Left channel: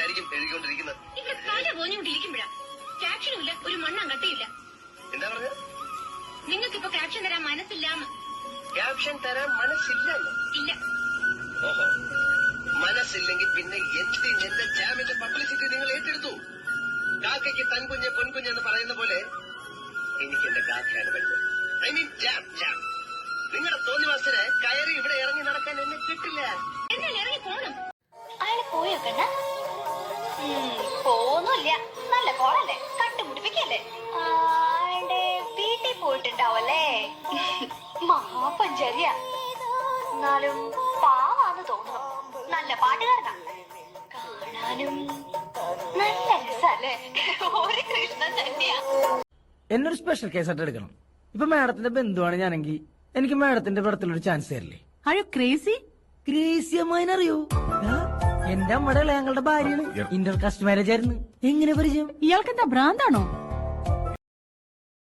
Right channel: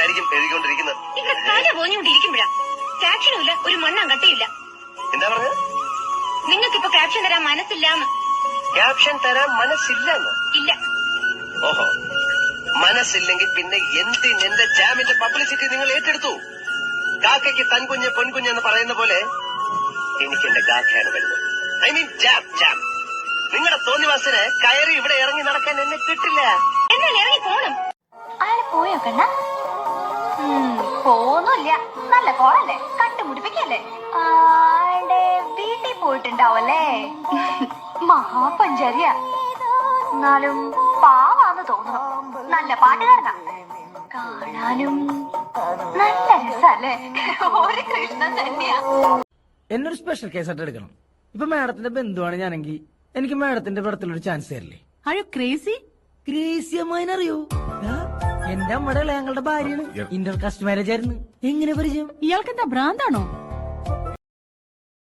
തന്നെയായിരിക്കും എഴുതിക്കൊണ്ടിരിക്കുന്നത്. ഇവിടെ തല പോഞ്ഞുകൊണ്ടിരിക്കുമ്പോഴാ ക്യാപ്ഷനുമില്ല, ഒരു മണ്ണാൻ കട്ടയില്ല. എന്താ പറഞ്ഞത്? നിങ്ങൾക്കിപ്പോ ക്യാപ്ഷൻ തരാൻ മനസ്സില്ലാന്ന്. ക്യാപ്ഷൻ തരാൻ മനസ്സില്ലെന്ന്? ഇല്ല. ഓഹോ, മനസ്സില്ലെങ്കിൽ പിന്നെ എന്റെ ജാമിന്റെ പബ്ലിസിറ്റി നിങ്ങൾ ഏറ്റെടുത്തു. കാക്കയ്ക്ക് തൻകുഞ്ഞ് പൊൻകുഞ്ഞെന്ന് പറയുന്ന പോലെ എനിക്ക് എന്റെ ഗാഥയാണ് വരുന്നത്. I mean jam jam. നിങ്ങളുടെ തോന്നിവാസന് കയറി ഇവിടെ ഇറങ്ങി നടക്കാൻ എന്നെ കിട്ടില്ല. എന്നാൽ ഇറങ്ങി പോണം. അയാള് പോയോ കണ്ണ? പോന്നില്ല. നല്ല കോളല്ലേ, കണ്ടുമുടിപ്പിക്കല്ലേ. ആളുടെ വീട്ടിൽ പോയിട്ടുണ്ടാവല്ലേ. മഹാപഞ്ചാരിയ. എന്നാലും പാവാന്ന് തോന്നുന്നു. നല്ല പാട്ടുകാരനാ, കാണാനും നല്ല രസല്ലേ. ഒരു കൃഷ്ണൻ തന്നെയാ. എന്നൊരു സ്പെഷ്യൽ കേസായിട്ട് എടുക്കണം. ഇപ്പൊ മാഡത്തിന്റെ ബന്ധുവാണ് ഞാനെങ്കിൽ എനിക്ക് മാഡത്തിന്റെ പടത്തിലൊരു ചാൻസ് തരില്ലേ? അയ്യോ ക്രേസി. ക്രേസി അമ്മായിനെ അറിയോ? എന്റെ അമ്മയുടെ ഞങ്ങളുടെ ഭാര്യയാണ്. ഇന്റർ കാസ്റ്റ് മാരേജ് ആയിരുന്നു. എങ്ങനെ പരിചയം? ഇയാൾക്ക് എന്താ ഭ്രാന്താണോ?